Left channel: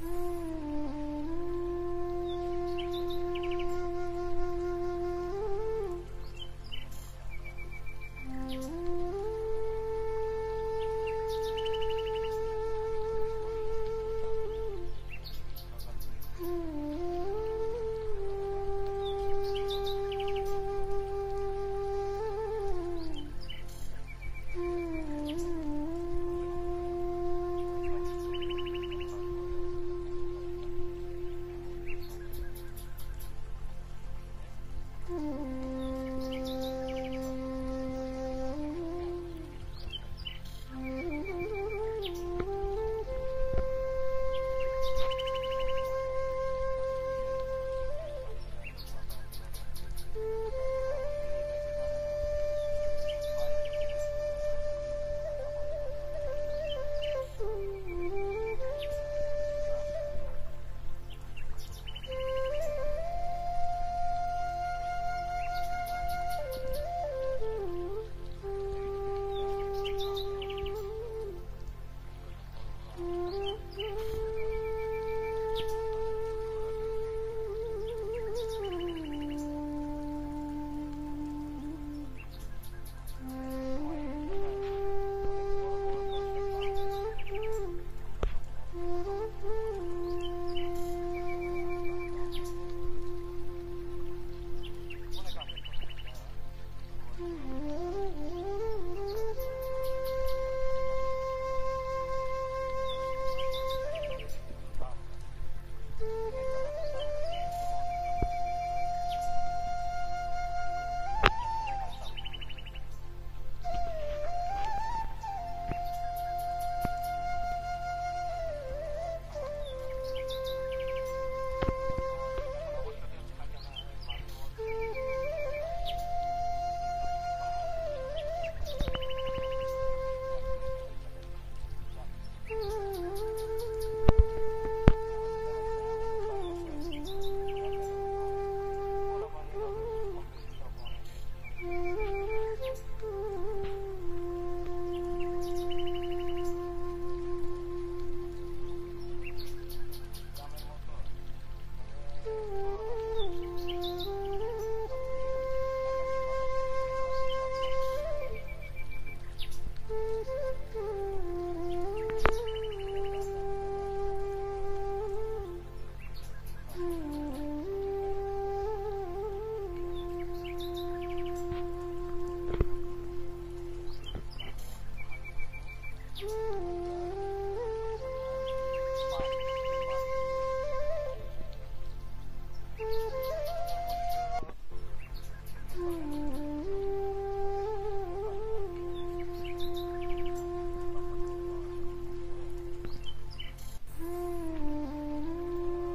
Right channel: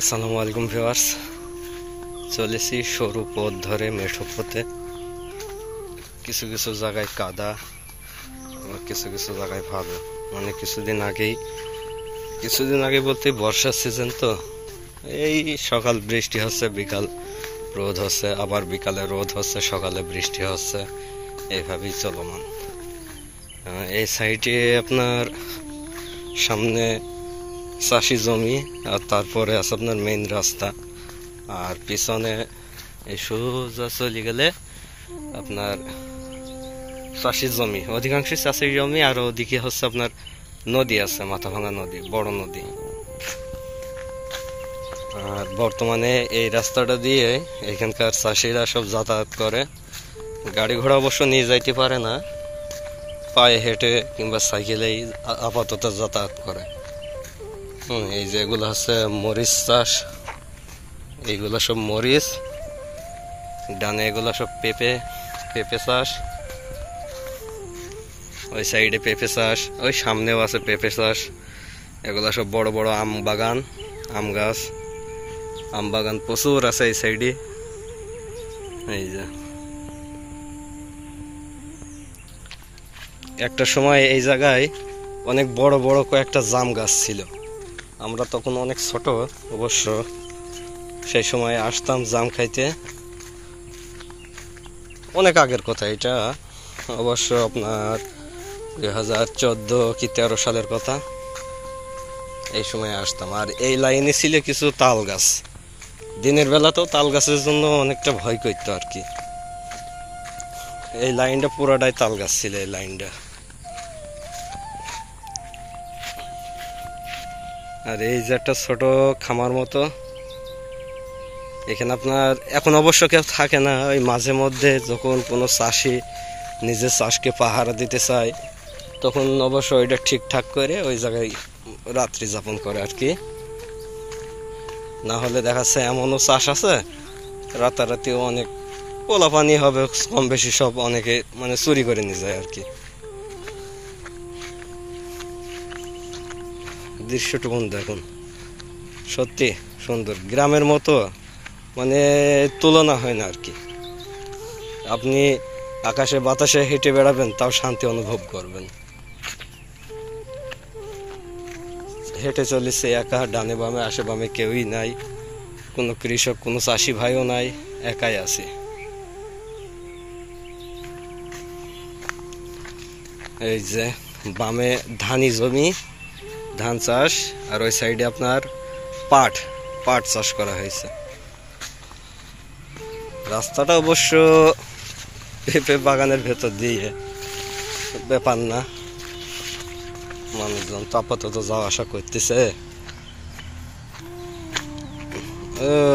আসসালামু আলাইকুম ভিউয়ার্স, চলেছি সরু পথ ধরে মেঠো পথে। কিছু কিছু জায়গায় কাদা, আবার কিছু কিছু জায়গায় ভালো। মানে কিছুদিন আগে বলতে বর্ষার সিজন তো, এই সকাল বৃষ্টি হচ্ছে, বিকাল রোদ হচ্ছে, আবার বিকালে রোদ হচ্ছে, সকালে বৃষ্টি হচ্ছে, এইভাবেই চলমান। এই সাইডে আপনার সামনে চাষি জমি, আর তারপরে আছে আপনার মেইন রাস্তা, আর পিছনে এই সোজা চলে গেলে আপনার চাষির জমি, অধিকাংশ চাষির জমি। আর ওদিকে হচ্ছে আপনার নদী আছে, মাথাভাঙা নদী, বড় নদী। আর বর্তমানে এই রাস্তাটা দিয়ে এখানকার চাষিরা সব যাতায়াত করে। গাড়ি ঘোড়া অবশ্য নিয়ে যাইতে পারে না, পায়ে হেঁটে কিংবা সাইকেলেই আপাতত যাতায়াত করে। এই যে এগুলো হচ্ছে মরিচ চাষ, এইগুলো সব মরিচ, ডানে এগুলো সব পেঁপে চাষ, ওই সাইডে পেঁপে চাষ, ওই সামনেও আছে পেঁপে চাষ। এগুলো সব বড় বড় আম বাগান, আম বাগান প্রচুর আছে এই সাইডে। এই যে একটা সময় এই জায়গায় অনেক বড় বড় কয়েকটা জাম গাছ ছিল। আমরা তখন অনেক ছোট, অবশ্য সেই সময় আসতাম জাম খাইতে। অনেক আগের কথা এটা, অবশ্য আপনার 2014 কি 13 সালের কথা। এই সময় আসতাম, আর এই লাইনে ছিল কিছু তাল গাছ। দিনের বেলাতেও তাল গাছের জন্য অনেকটা ভয় করতো আর কি। এই লাইনটা পুরাটাই তাল গাছ ছিল, এই লাইনটা। আর এই যে একটা ছোট খামার মতো, এখানে আপনার এখন অবশ্য কেউ থাকে না। ওই মাঝে মধ্যে যখন কোনো চাষি নিজের চাষকে পাহারা দিতে চায়, তখন অবশ্য ওইটা ঠিকঠাক করে ওই জায়গায় রাত্রি যাপন করে আর কি। না হলে দেখাচ্ছে এমনও চাষ আছে রাতারাতিও অনেক পোলাপানি হবে, কম বেশি সব অনেকে মানে চুরি করে নিয়ে যায় আর কি। দৃশ্যটুকুন দেখুন, সত্যি সুন্দর, গ্রামের মতো, মানে তুলনা হয় না আর কি। আপনি আকাশে বাতাসে হেঁটে বেড়াবেন, তাও শান্তি অনুভব করবেন। হেঁটে চলেছে একা, ডানে বামে আশে বামে কেউই নাই, কোনো কৃষক কোনো চাষি ভাইও নাই, একাই আছে। এই যে বামে ধানি জমি, ধান চাষ, আর ওই সাইডে আপনার পাট চাষ করা হয়েছে। রাস্তাটা অবশ্য পেঁপে বাগানের ভেতর দিয়ে, ব্যাপার না, মানুষজন তো আপাতত যাওয়া আসা করতেছে।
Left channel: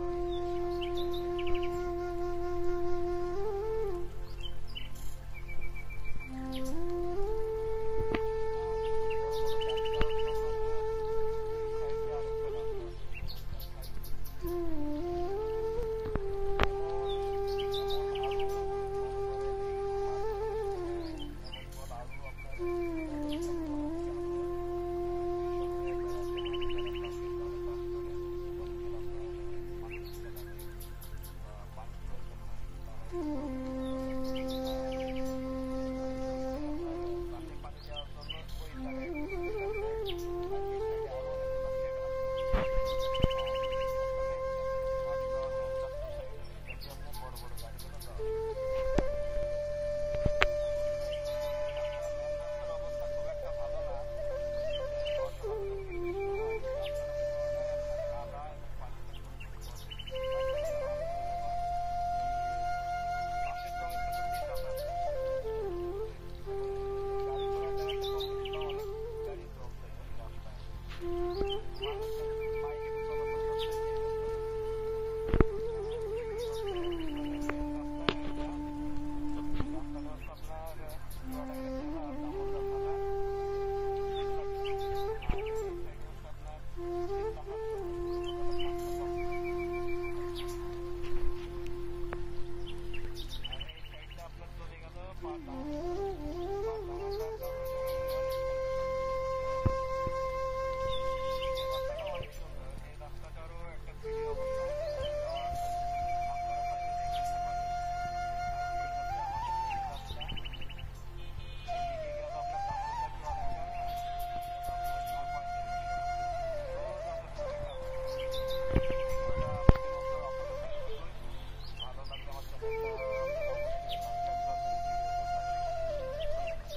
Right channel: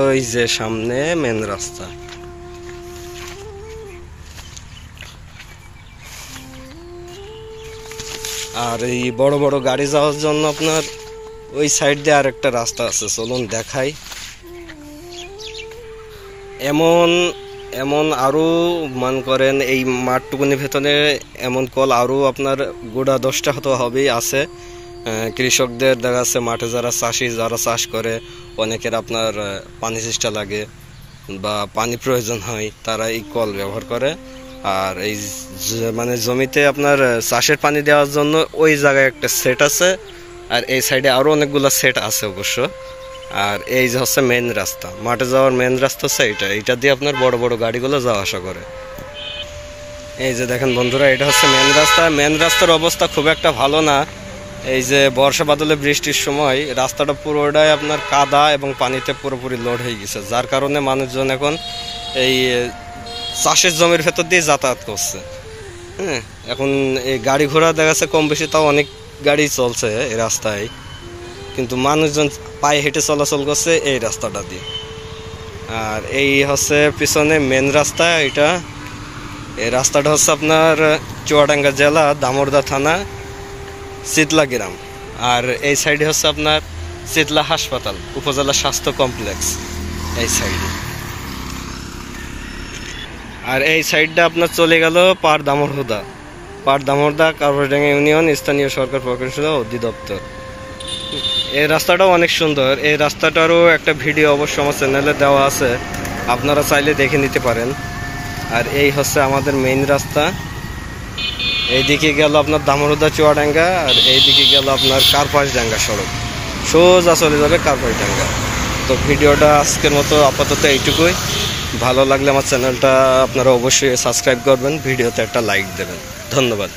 ওই যে সামনে মেন রাস্তা। আর এই বড় বড় গাড়ি যাওয়ার জন্য আপনার ওই সাইড দিয়ে আর একটা রাস্তা আছে, চলুন দেখাই। এমন এমন আরো মান করেন এই মাঠটুকুনির ভেতরে এমন কল আরো আপনার গোটা 10টা হয়তো হবেই আছে। কৃষকদের দেখা যাচ্ছে মাঠে যারা চাষি, যারা চাষ করে, অনেকের আপনার পানি চেষ্টা লাগে বা পানি প্রয়োজন হয়, তারা এই কল ব্যবহার করে। আর এই মানে জমিতে আপনার চাষের পানি দেওয়ার জন্য ওই জায়গায় একটা সেট আছে, আর এই সাইডে আরো অনেকগুলো সেট আছে অবশ্য। আর এই যে হচ্ছে মেন রাস্তা, মাঠে যাওয়ার মেন রাস্তা হচ্ছে এইটা দিয়ে আপনার বড় বড় গাড়িগুলো যাওয়া আসা করে। এই যে দেখেন বন্ধুরা, এটা হচ্ছে মেন রাস্তার অবস্থা খুব একটা ভালো না। এই যে বর্ষা বাদলে বৃষ্টির সময় রাস্তাটা পুরোটাই আপনার কাদা এবং পানিতে পুরোপুরি লোড হয়ে গেছে, যার কারণে মানুষজন এখন এই চাষের জমির ভেতর দিয়ে যাতায়াত করছে। হ্যাঁ, এখন এই গাড়ি ঘোড়া দেখা যাচ্ছে কম বেশি, তাও অনেক গাড়ি চলছে এই রাস্তায়, কিন্তু মানুষজন পায়ে হেঁটে চলাচল করছে এই রাস্তাটা দিয়ে। আর এই হচ্ছে পিছনে মেন রাস্তা, এই রাস্তাটা হচ্ছে আপনার চুয়াডাঙ্গা জেলা, দামোড়দা থানা, শীতলা গ্রাম। আর এই সাইডে হচ্ছে আপনার শীতলা হাসপাতাল, উপজেলা স্বাস্থ্য কমপ্লেক্স এই সাইডে। আর এই সাইডটা আপনার চলে গেল পাড় দামোড়দা কারবারডাঙ্গা ইউনিয়ন স্থানীয় সরকার প্রকৌশল অধিদপ্তর। এই রাস্তাটাও অনেক সুন্দর। এই রাস্তাটারও একটা ভিডিও অবশ্য আমার চ্যানেলে দেওয়া আছে, আপনারা চাইলে দেখে নিতে পারেন। আর এই হচ্ছে আমাদের মেইন রাস্তা। এইদিকে গেল আপনার দামোদর চুয়াডাঙ্গা, আর এইদিকে গেল আপনার কার্পাসডাঙ্গা সড়ক, সোজা চলে যাবে কার্পাসডাঙ্গা। তো ভিডিওটা আজকের মতো আপাতত এইটুকুই। ভালো লাগলে আমার চ্যানেলটা আপনারা অবশ্যই সাবস্ক্রাইব করবেন, ভিডিওতে একটা লাইক দেবেন। ধন্যবাদ।